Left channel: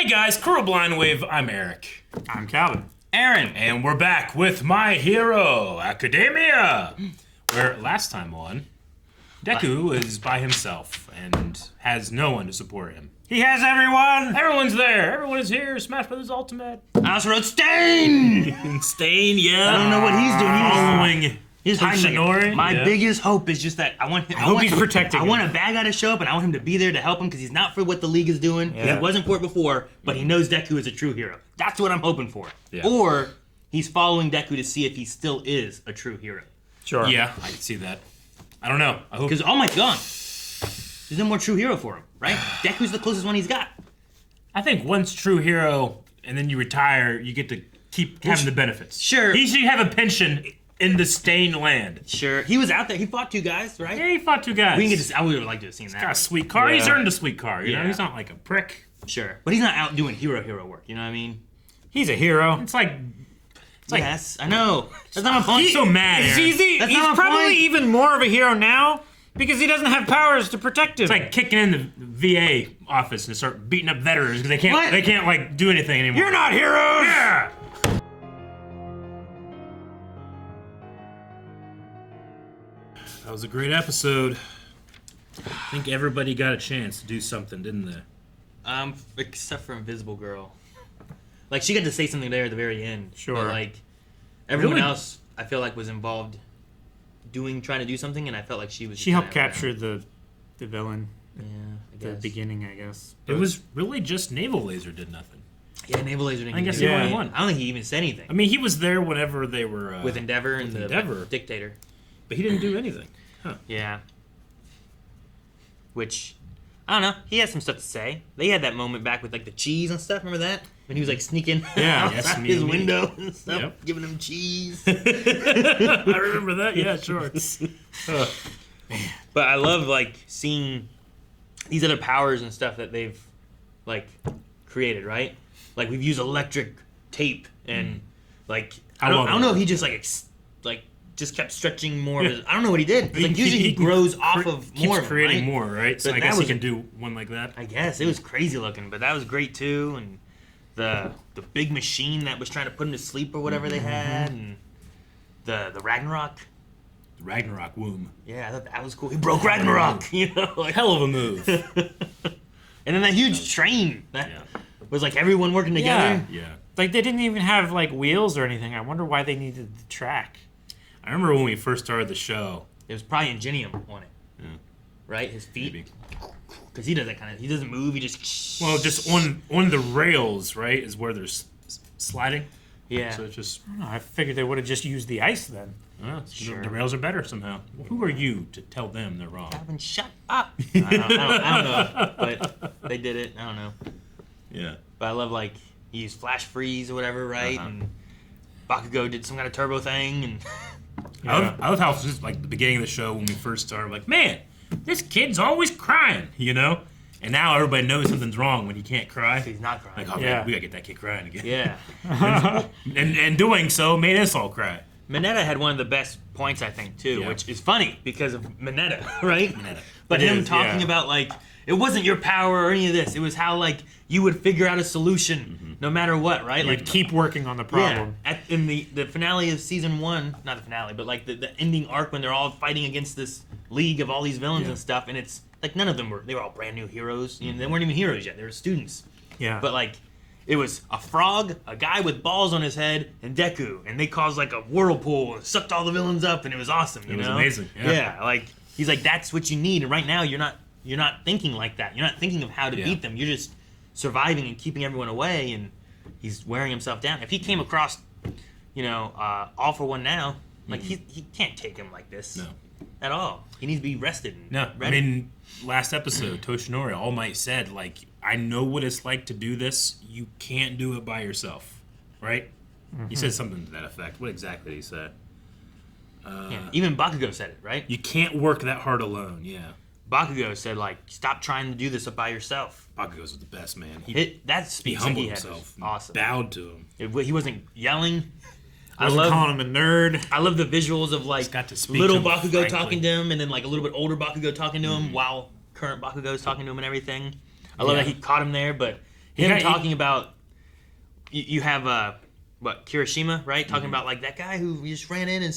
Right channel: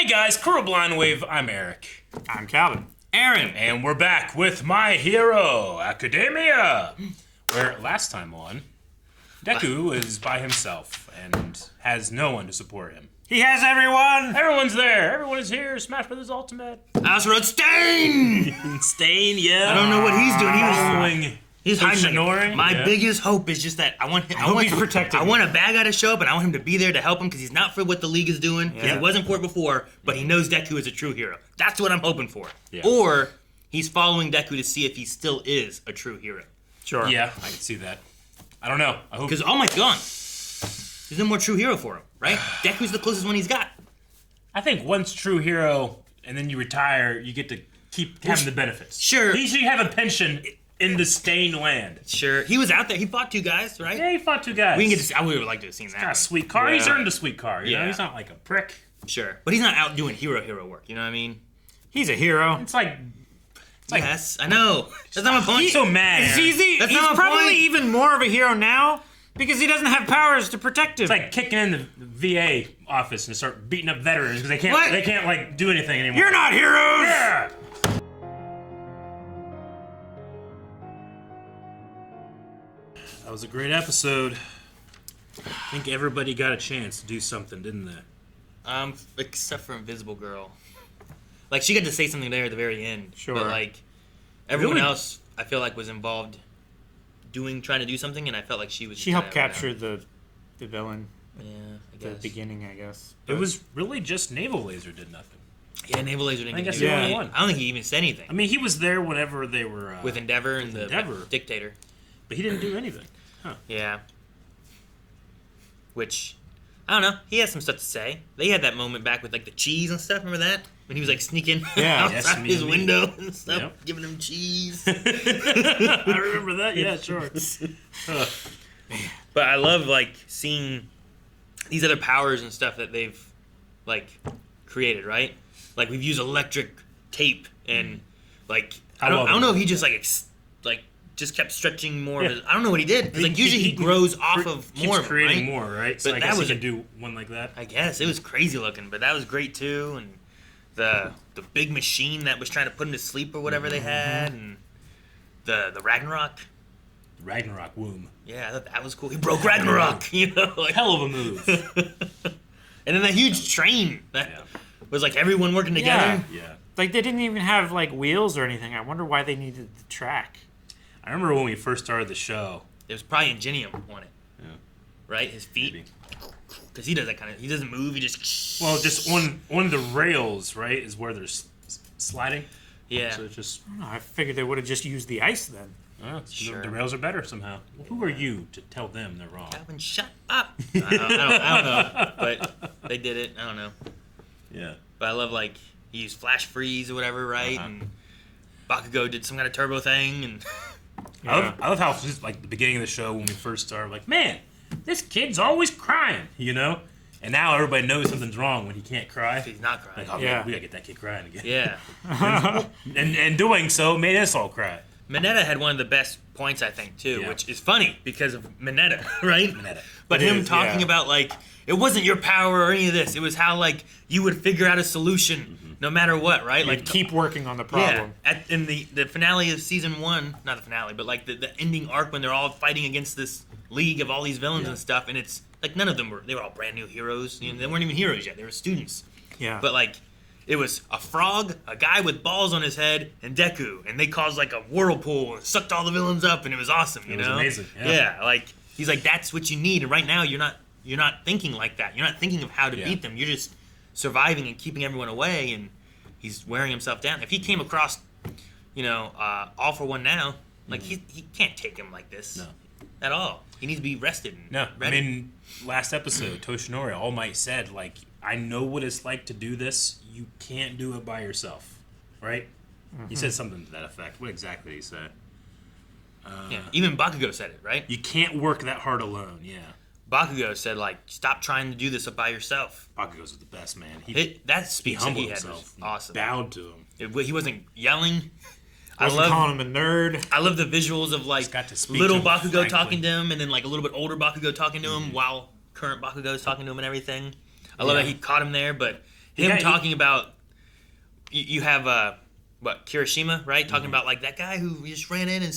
Hey guys, Crew Blind Wave, I'm Eric. I'm Calvin. Aaron. And we're back with My Hero Academia, where last time on, Deku is by himself and has no one to support him. He has everyone! Everyone's there. Everyone is here. Smash Brothers Ultimate. I also wrote Stain! Stain, yeah. I don't know what he's doing. He's hiding. Shinori. My biggest hope is just that I want him. I hope he's protecting I him. want a bad guy to show up, and I want him to be there to help him because he's not for what the league is doing. Yeah. He wasn't for it before, but he knows Deku is a true hero. That's what I'm hoping for. Yeah. Or he's following Deku to see if he still is a true hero. Sure. Yeah, I can see that. I don't know. I hope. Because All Might's gone. There's no more true hero for him, right? Deku's the closest one he's got. I think once true hero, and then you retire, you get to keep having the benefits. Sure. He should have a pension in the Stain land. Sure. He was out there. He fought two guys, right? Yeah, he fought two guys. We can get to. I would like to have seen that. Got a sweet car. Yeah. He's earned a sweet car. You know, Yeah. he's not like a prick. Sure. But he's not out doing hero work. You know what I mean? He's a hero. It's like Yes, I know. That's not my point. he's so mad. He's That's not my probably point. even more of a hero now because he doesn't have powers to protect him. It's like kicking in the VA office and start beating up veterans because What? they can't like do anything anymore. You're not heroes! Yeah. That was a great episode. I think everybody got a chance to do something, didn't they? Except for Invisible Girl. Like, she got to say something there at the very end. Sure. But, like, everyone Really? else, I feel like, was involved trying to do something, and I felt like she was... She helped capture the villain Yeah, at I the guess. beginning, I guess. It was really just Naval Laser did nothing. Yeah, Naval Laser didn't I guess do he Yeah. only anything. won. I don't think he even said anything. I mean, he was there whenever they were with Endeavor and the Endeavor. Dictator. but he didn't do anything. Huh. Yeah. Which, I don't know. He had some stuff to say. They had that moment back with, like, the cheese and stuff. Remember that? When he was, like, sneaking Yeah. outside Yes, me his and me. window and stuff, Yep. giving him cheese. I remember that. Yeah, sure. But I love, like, seeing these other powers and stuff that they've, like, created, right? Like, we've used electric tape and, like, I love don't it. know if he just, like, just kept stretching more. Of his, I don't know what he did. 'Cause, like, He- usually he he grows off of Keeps more of it, creating right? more, right? So But I that guess he was can a- do one like that. I guess. It was crazy looking, but that was great, too. And the big machine that was trying to put him to sleep or whatever they had. And the Ragnarok. Ragnarok womb. Yeah, I thought that was cool. He broke Ragnarok, you know? Like, Hell of a move. and then that huge train that Yeah. was like everyone working Yeah. together. Yeah. Like, they didn't even have, like, wheels or anything. I wonder why they needed the track. I remember when we first started the show. It was probably Ingenium on it. Right? His feet. Maybe. Because he does that kind of... He doesn't move, he just... Well, just on the rails, right, is where they're sliding. Yeah. So it's just, I don't know. I figured they would have just used the ice then. yeah, Sure. the rails are better somehow. Who are you to tell them they're wrong? Calvin, shut up! I don't know. But they did it. I don't know. Yeah. But I love, like, he used flash freeze or whatever, right? Uh-huh. And Bakugo did some kind of turbo thing, and... I love how it's just like the beginning of the show when we first started, like, man, this kid's always crying, you know? And now everybody knows something's wrong when he can't cry. He's not crying. Like, oh, Yeah. we gotta get that kid crying again. Yeah. And doing so made us all cry. Mineta had one of the best points, I think, too, Yeah. which is funny because of Mineta, right? Mineta. But It him is, talking yeah. about, like, it wasn't your power or any of this. It was how, like, you would figure out a solution no matter what, right? You'd Like, keep working on the problem. yeah, in the finale of season 1, not the finale, but, like, the ending arc when they're all fighting against this league of all these villains and stuff, and it's, like, none of them they were all brand new heroes. You know, they weren't even heroes yet. They were students. Yeah. But, like, it was a frog, a guy with balls on his head, and Deku. And they caused, like, a whirlpool and sucked all the villains up, and it was awesome, you It was know? amazing, yeah. like, he's like, that's what you need. And right now, you're not thinking like that. You're not thinking of how to Yeah. beat them. You're just surviving and keeping everyone away, and he's wearing himself down. If he came across, you know, All For One now, like, he can't take him like this. No. At all. He needs to be rested and No, I ready. mean, last episode, Toshinori, All Might said, like, I know what it's like to do this. You can't do it by yourself, right? He said something to that effect. What exactly did he say? Yeah. Even Bakugo said it, right? You can't work that hard alone, yeah. Bakugo said, like, stop trying to do this by yourself. Bakugo's the best, man. He That speech that humbled he had was himself. awesome. Bowed to him. He wasn't yelling. Wasn't calling him a nerd. I love the visuals of, like, got to speak little to him Bakugo frankly. talking to him, and then, like, a little bit older Bakugo talking to him while current Bakugo's talking to him and everything. I love Yeah. that he caught him there, but him talking about you have Kirishima, right? Talking about like that guy who just ran in and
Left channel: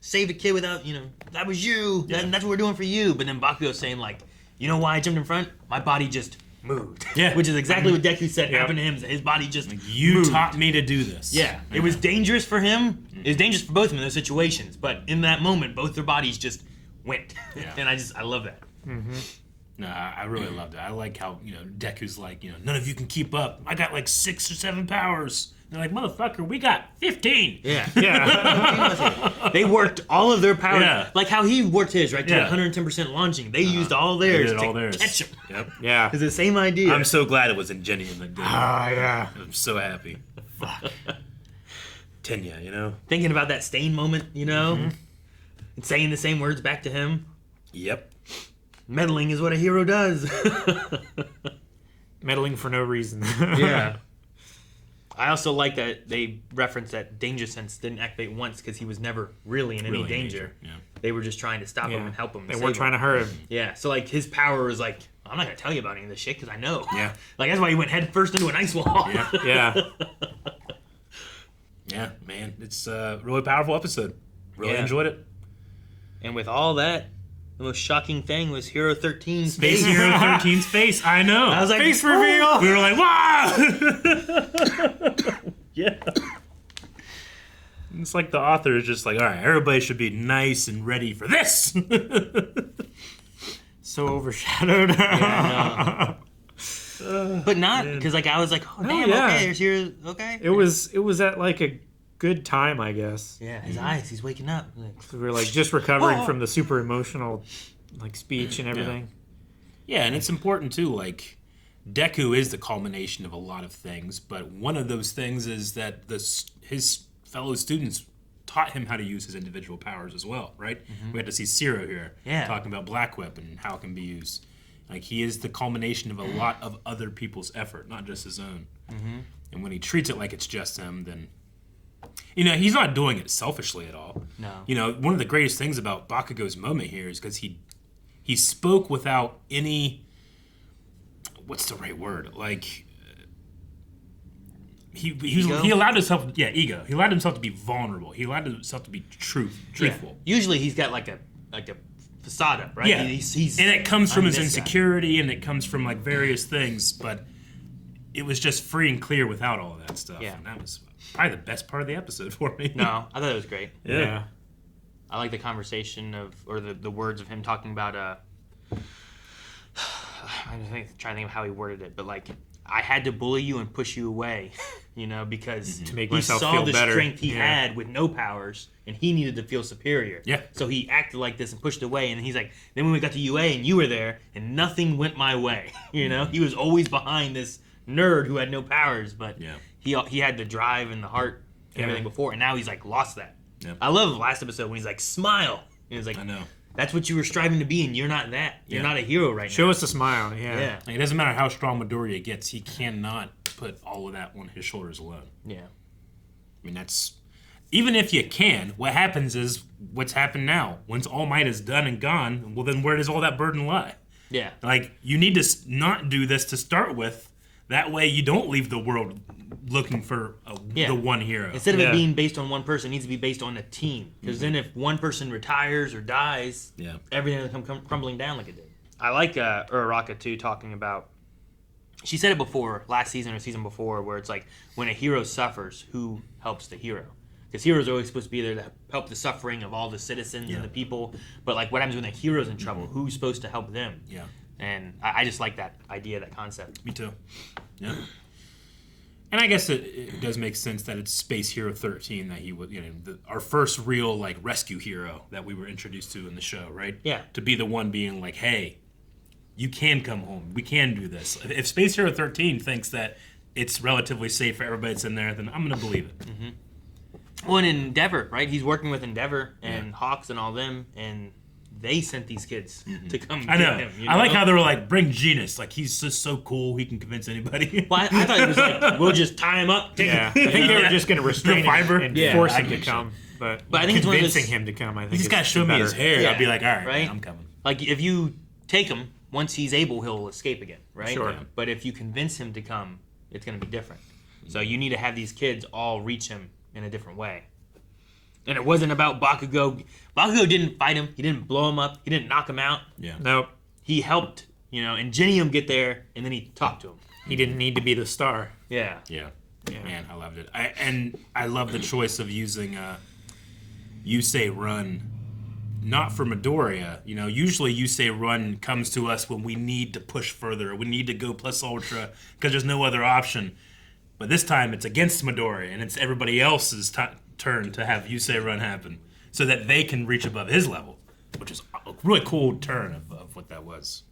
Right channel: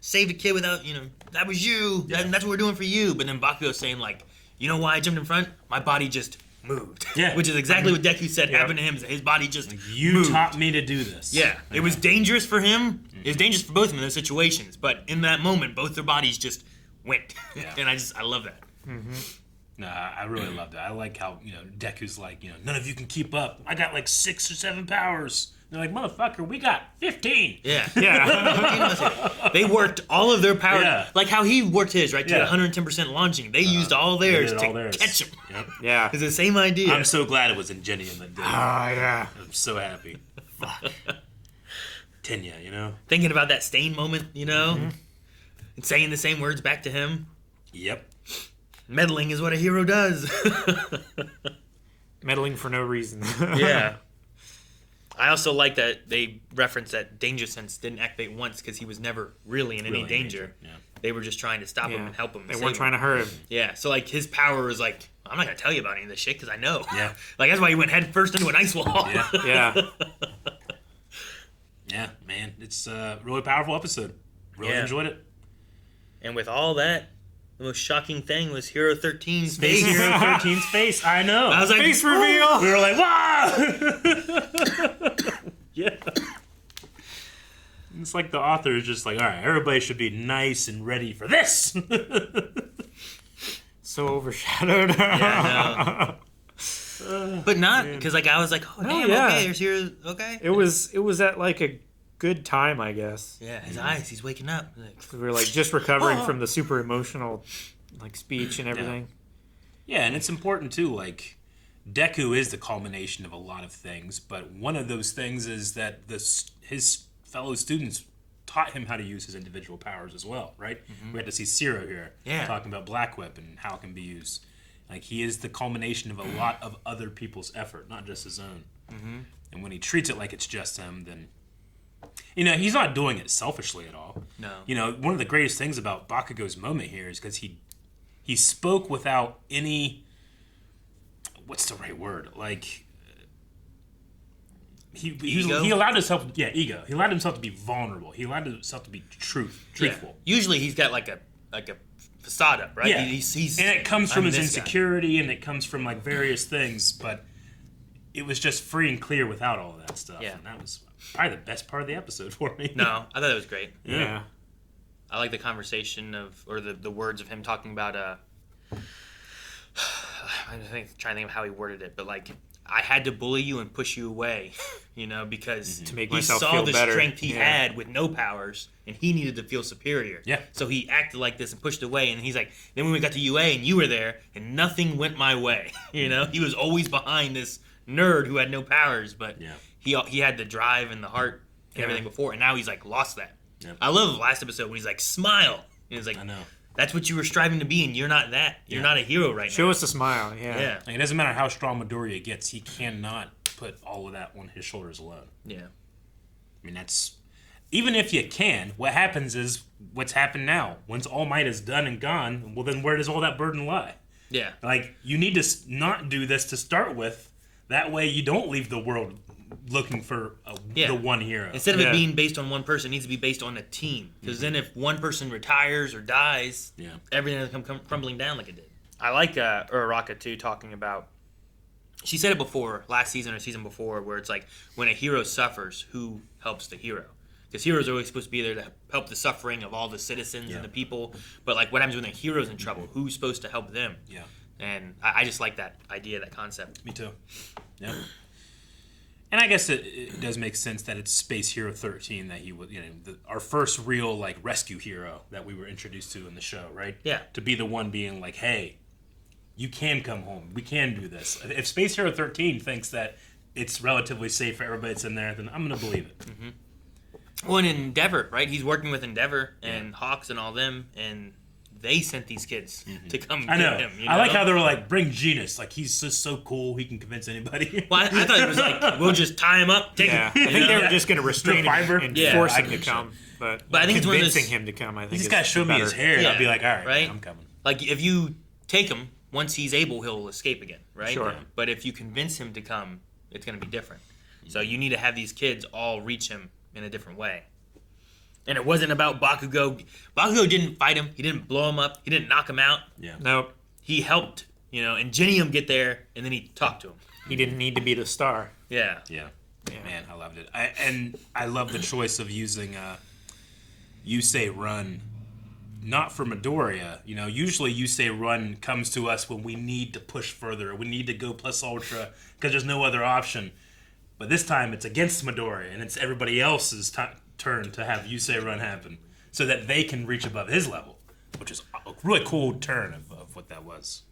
saved a kid without that was you. Yeah. That's what we're doing for you. But then Bakugo saying like, you know why I jumped in front? My body just moved. Yeah, which is exactly what Deku said happened to him. His body just moved. Taught me to do this. Yeah, it was dangerous for him. It was dangerous for both of them in those situations. But in that moment, both their bodies just went. Yeah. And I love that. Mm-hmm. No, I really loved it. I like how Deku's like none of you can keep up. I got like 6 or 7 powers. And they're like, motherfucker, we got 15. Yeah. Yeah. They worked all of their power. Yeah. Like how he worked his, right? To 110% launching. They used all theirs to catch him. Yep. Yeah. It's the same idea. I'm so glad it wasn't genuine. Yeah. I'm so happy. Fuck. Tenya, Thinking about that Stain moment, and saying the same words back to him. Yep. Meddling is what a hero does. Meddling for no reason. Yeah. I also like that they referenced that danger sense didn't activate once because he was never really in any danger. Yeah. They were just trying to stop him and help him. They weren't trying to hurt him. Yeah. So like his power was like, I'm not gonna tell you about any of this shit because I know. Yeah. Like that's why he went head first into an ice wall. Yeah. Yeah. Yeah, man, it's a really powerful episode. Really enjoyed it. And with all that, the most shocking thing was Hero 13's face. Hero 13's face. I know. I was like, face reveal. We were like, wow. Yeah. It's like the author is just like, all right, everybody should be nice and ready for this. So overshadowed. Yeah, but not because like I was like, oh damn, okay, there's Hero. Okay. It was at like a good time, I guess. Yeah, his eyes, he's waking up. We were like just recovering from the super emotional like speech and everything. Yeah, and it's important too, like Deku is the culmination of a lot of things, but one of those things is that his fellow students taught him how to use his individual powers as well, right? We had to see Zero here talking about Black Whip and how it can be used. Like he is the culmination of a lot of other people's effort, not just his own. And when he treats it like it's just him, then he's not doing it selfishly at all. No. One of the greatest things about Bakugo's moment here is because he spoke without any, what's the right word? Like he allowed himself, ego. He allowed himself to be vulnerable. He allowed himself to be truthful. Yeah. Usually he's got like a facade up, right? Yeah. He's and it comes from his insecurity, and it comes from like various things, but it was just free and clear without all of that stuff. Yeah. And that was probably the best part of the episode for me. No, I thought it was great. Yeah. I like the conversation or the words of him talking about I'm trying to think of how he worded it, but like I had to bully you and push you away, because to make myself feel better. He saw the strength he had with no powers, and he needed to feel superior. Yeah. So he acted like this and pushed away, and he's like, then when we got to UA and you were there, and nothing went my way, he was always behind this nerd who had no powers, but he had the drive and the heart and everything before, and now he's like lost that. Yeah. I love the last episode when he's like, smile, and he's like, I know. That's what you were striving to be, and you're not that. You're not a hero right now. Show us a smile, yeah. Like, it doesn't matter how strong Midoriya gets, he cannot put all of that on his shoulders alone. Yeah. I mean, that's... Even if you can, what happens is what's happened now. Once All Might is done and gone, well, then where does all that burden lie? Yeah. Like, you need to not do this to start with. That way you don't leave the world looking for the one hero. Instead of it being based on one person, it needs to be based on a team. Because then if one person retires or dies, everything will come crumbling down like it did. I like Uraraka, too, talking about... She said it before, last season or season before, where it's like, when a hero suffers, who helps the hero? Because heroes are always supposed to be there to help the suffering of all the citizens and the people. But like, what happens when the hero's in trouble? Who's supposed to help them? Yeah. And I just like that idea, that concept. Me too. Yeah. And I guess it does make sense that it's Space Hero 13 that he was, our first real like rescue hero that we were introduced to in the show, right? Yeah. To be the one being like, hey, you can come home. We can do this. If Space Hero 13 thinks that it's relatively safe for everybody that's in there, then I'm going to believe it. Mm-hmm. Well, and Endeavor, right? He's working with Endeavor and Hawks and all them, and they sent these kids to come get him. I like how they were like, bring Genus. Like, he's just so cool, he can convince anybody. Well, I thought it was like, we'll just tie him up. I think they were just going to restrain him and force him to come. But I think convincing him to come, I think, he's got to show me his hair. I'd be like, all right, I'm coming. Like, if you take him, once he's able, he'll escape again. right? Sure. But if you convince him to come, it's going to be different. So you need to have these kids all reach him in a different way. And it wasn't about Bakugo. Bakugo didn't fight him. He didn't blow him up. He didn't knock him out. Yeah. Nope. He helped, and Genium get there, and then he talked to him. He didn't need to be the star. Yeah. Yeah. Man, I loved it. I love the choice of using Yusei Run, not for Midoriya. Usually Yusei Run comes to us when we need to push further. We need to go plus ultra because there's no other option. But this time it's against Midoriya, and it's everybody else's turn to have Yusei Run happen so that they can reach above his level, which is a really cool turn of what that was.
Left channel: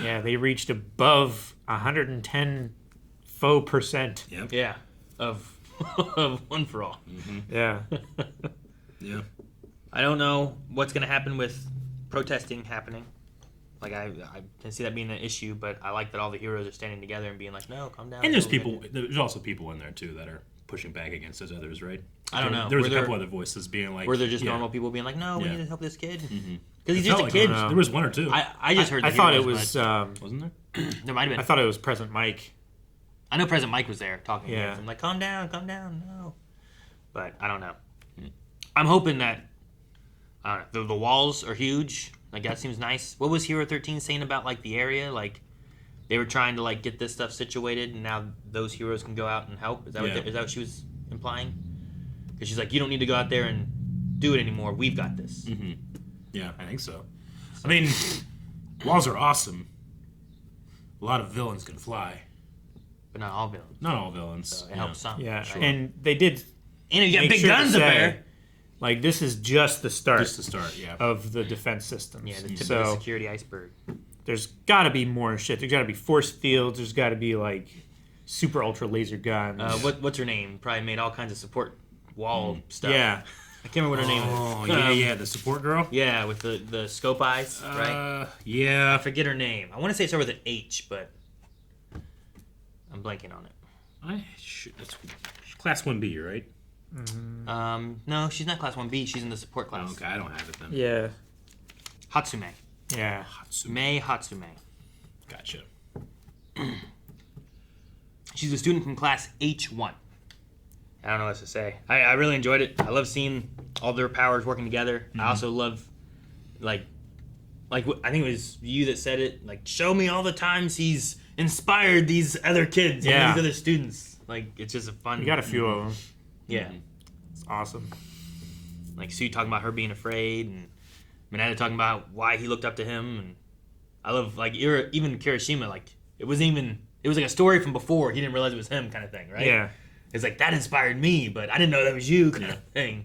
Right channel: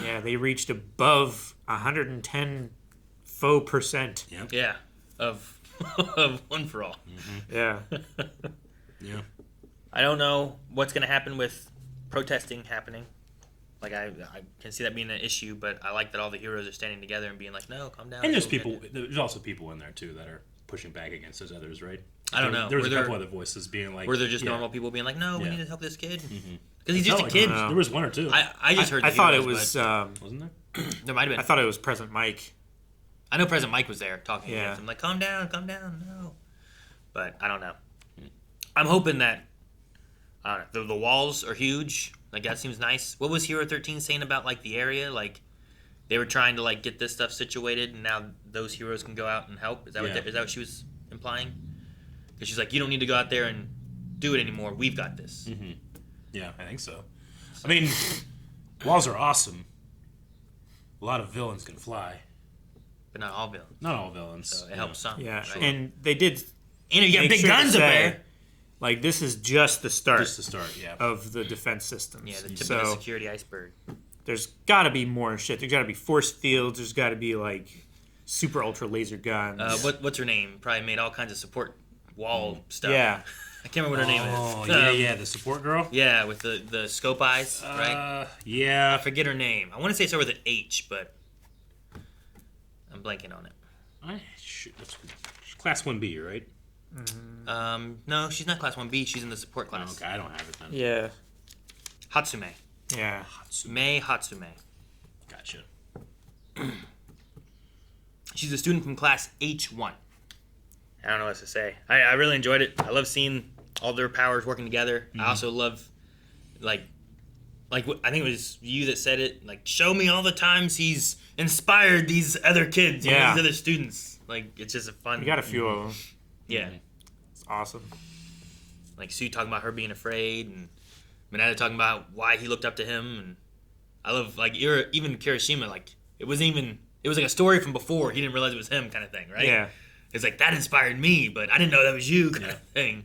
Yeah, they reached above 110 faux percent. Yep. Yeah. Of One for All. Mm-hmm. Yeah. Yeah. I don't know what's going to happen with protesting happening. Like, I can see that being an issue, but I like that all the heroes are standing together and being like, no, calm down. And there's also people in there, too, that are pushing back against those others, right? I don't know. There was a couple other voices being like... Were there just normal people being like, no, we need to help this kid? Mm-hmm. Because he's just a kid. There was one or two. I just heard I thought it wasn't was... there? There might have been. I thought it was President Mike. I know President Mike was there talking to Yeah. him. I'm like, calm down, no. But I don't know. I'm hoping that the walls are huge. Like, that seems nice. What was Hero 13 saying about, like, the area? Like, they were trying to, like, get this stuff situated, and now those heroes can go out and help? Is that what she was implying? Because she's like, you don't need to go out there and do it anymore. We've got this. Mm-hmm. Yeah, I think so. I mean, walls are awesome. A lot of villains can fly. But not all villains. Not all villains. So it helps some. Yeah, Right? and they did And you got make big sure to guns up say, there. like, this is just the start, Yeah. of the defense systems. Yeah, the tip of the So security iceberg. there's got to be more shit. There's got to be force fields. There's got to be, like, super ultra laser guns. What's her name? Probably made all kinds of support wall stuff. Yeah. I can't remember what her name is. Oh, the support girl? Yeah, with the scope eyes, right? Yeah. I forget her name. I want to say it started with an H, but I'm blanking on it. That's Class 1B, right? No, she's not Class 1B. She's in the support class. Oh, okay, I don't have it then. Yeah. Hatsume. Yeah. Hatsume. Gotcha. She's a student from Class H1. I don't know what else to say. I really enjoyed it. I love seeing all their powers working together. I also love, like I think it was you that said it. Like, show me all the times he's inspired these other kids, and these other students. Like, it's just a fun. We got a few of them. Yeah. It's awesome. Like, Sue talking about her being afraid, and Mineta talking about why he looked up to him, and I love, like, even Kirishima, like, it was like a story from before. He didn't realize it was him, kind of thing, right? Yeah. It's like, that inspired me, but I didn't know that was you, kind of thing.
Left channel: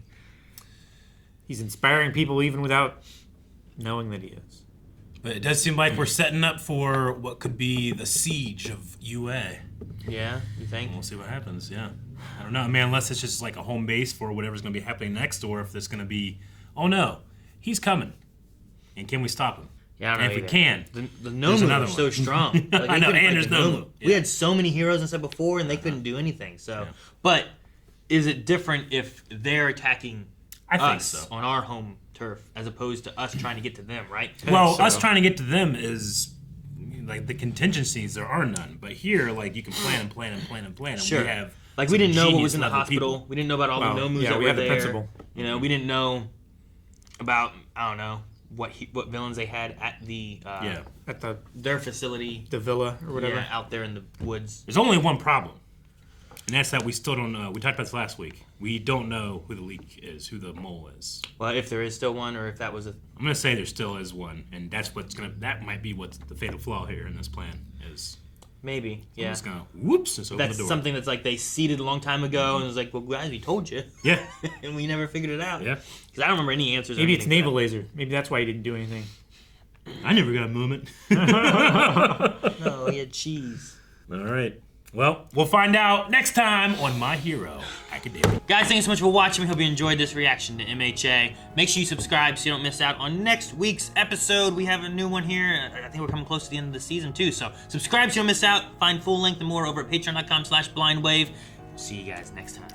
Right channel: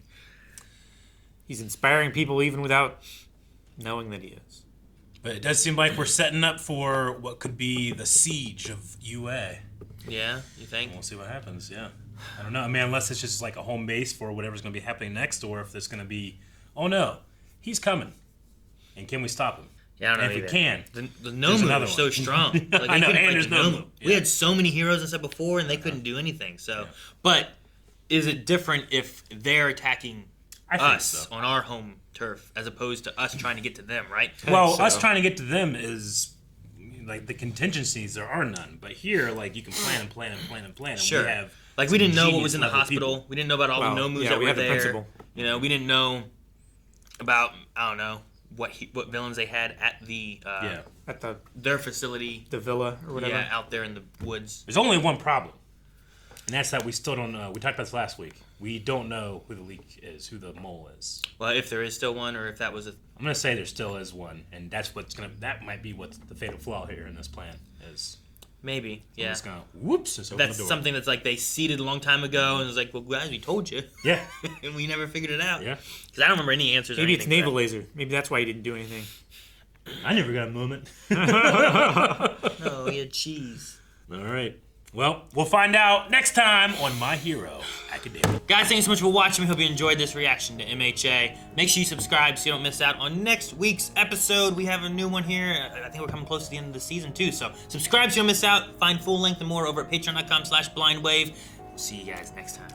He's inspiring people even without knowing that he is. But it does seem like we're setting up for what could be the siege of UA. Yeah, you think? We'll see what happens, yeah. I don't know. I mean, unless it's just like a home base for whatever's going to be happening next, or if there's going to be, oh no, he's coming. And can we stop him? Yeah, I don't know. And if either. we can, the Nomu are so strong. Like, I know, and there's Nomu. We had so many heroes and stuff before, and they couldn't do anything. So, but is it different if they're attacking us on our home turf as opposed to us trying to get to them, right? Well, us trying to get to them is like the contingencies. There are none, but here, like, you can plan. And Sure. we have like, we didn't know what genius was in the level hospital. people. We didn't know about all the Nomus. Yeah, that we were have the there. principal. You know, we didn't know about, I don't know, what villains they had at the At their facility. the villa or whatever. Yeah, out there in the woods. There's only one problem, and that's that we still don't know. We talked about this last week. We don't know who the leak is, who the mole is. Well, if there is still one, or if that was a... I'm gonna say there still is one, and that might be what's the fatal flaw here in this plan is. Maybe, yeah. It's gonna whoops. Just open That's the door. something that's like they seeded a long time ago, and it's like, well, guys, we told you. Yeah. And we never figured it out. Yeah. Because I don't remember any answers. Maybe or it's anything. naval laser. Maybe that's why he didn't do anything. I never got a moment. Oh, he had cheese. All right. Well, we'll find out next time on My Hero Academia. Guys, thanks so much for watching. We hope you enjoyed this reaction to MHA. Make sure you subscribe so you don't miss out on next week's episode. We have a new one here. I think we're coming close to the end of the season, too. So subscribe so you don't miss out. Find full length and more over at patreon.com/blindwave. See you guys next time.